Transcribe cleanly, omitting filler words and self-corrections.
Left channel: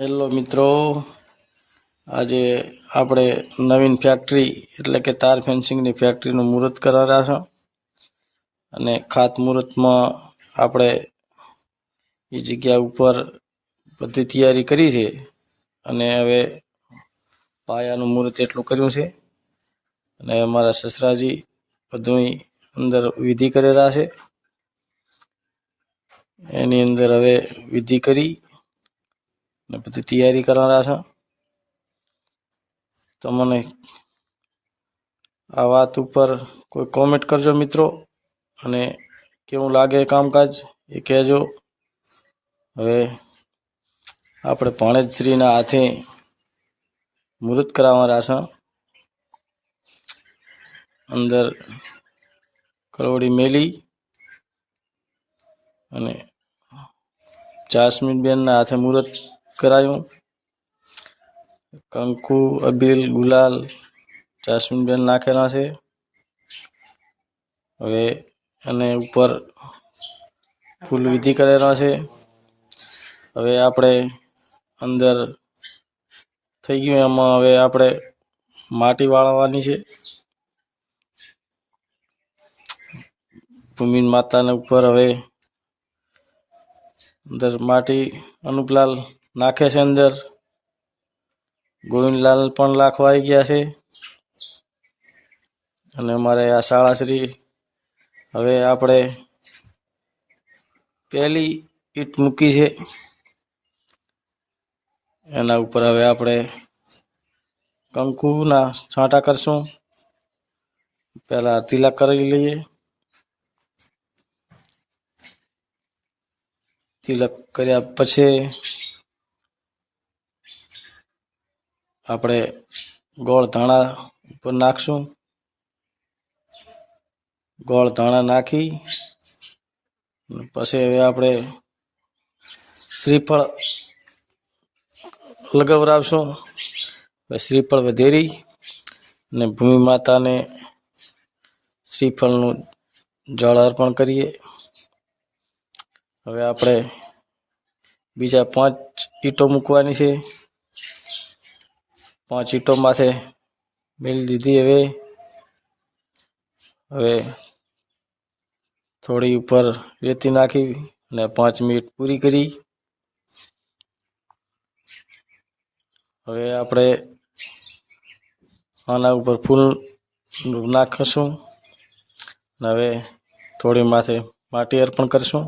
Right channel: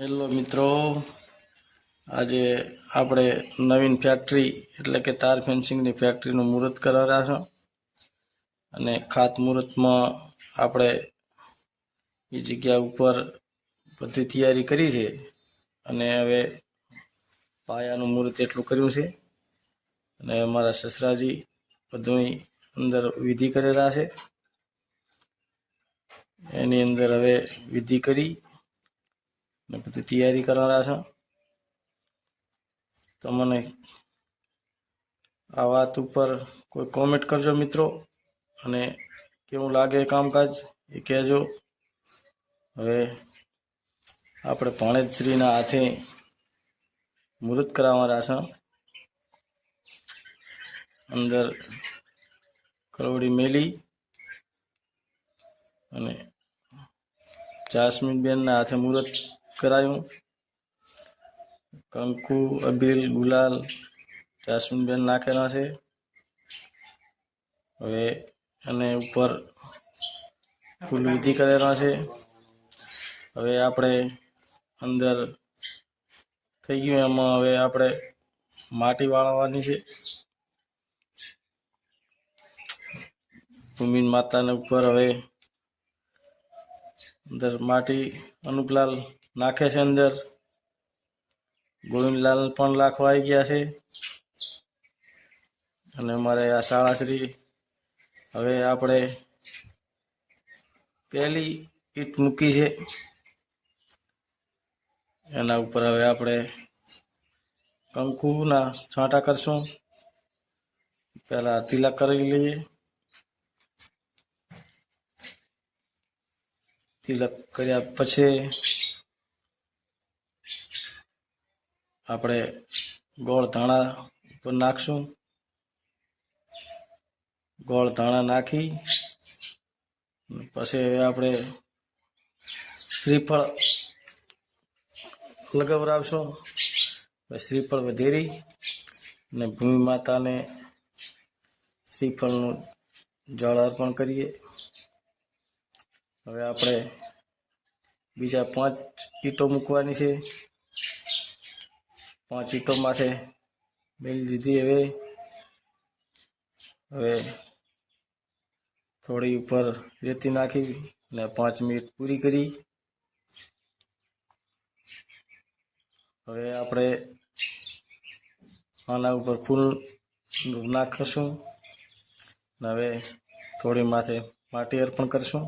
Hello મિત્રો, આજે આપણે નવીન ફેક્ટરી એટલે કે તાર ફેન્સિંગની ફેક્ટરીનું મુહૂર્ત કરાવ્યા છે અને ખાતમુહૂર્તમાં આપણે એ જગ્યા ઉપર બધી તૈયારી કરી છે અને હવે પાયાનું મુહૂર્ત એટલું કર્યું છે અને અમારા સસરાજી બધું અંદર વિધિ કરેલા છે. એની અંદર હવે વિધિ કરી ને બધી તૈયારી કરવાના છે. તમને આ વાત ઉપર કોઈ કોમેન્ટ કરજો મિત્રો, અને કેવું લાગે કામકાજ એ કહેજો. હવે આપણે ભાણેજશ્રીના હાથે મુહૂર્ત કરાવવાના છે. અંદર કરોડી મેલી અને જાસ્મીનબેનના હાથે મુહૂર્ત કરાયું. કંકુ, અબીલ, ગુલાલ જાસ્મીનબેન નાખેલા છે. હવે અને ઉપર ફૂલ વિધિ કરેલા છે. હવે આપણે અંદર થઈ ગયું. એમાં હવે આપણે માટી વાળવાની છે. ભૂમિ માતાના ઉપર હવે અંદર માટી અનુપલાલ નાખે છે. અંદર ગોવિંદલાલ પણ લાખવા આવી ગયા છે. અને અમારે આ શાળાશ્રી હવે આપણે પહેલી ઈંટ મૂકી છે. એના ઉપર હવે આપણે કંકુના છાંટા કરશું. પહેલા તિલક કરી લઈએ. તિલક કર્યા પછી આપણે ગોળ ધાણા ઉપર નાખશું. ગોળ ધાણા નાખી પછી હવે આપણે શ્રીફળ લગાવરાવશું. શ્રીફળ વધેરી અને ભૂમિ માતાને શ્રીફળનું જળ અર્પણ કરીએ. હવે આપણે બીજા 5 ઈંટો મૂકવાની છે. 5 ઈંટો માથે મેળી દીધી. હવે થોડી ઉપર રેતી નાખી અને 5 મિનિટ પૂરી કરી. હવે આપણે આના ઉપર ફૂલ નાખીશું. હવે થોડી માથે માટી અર્પણ કરશું.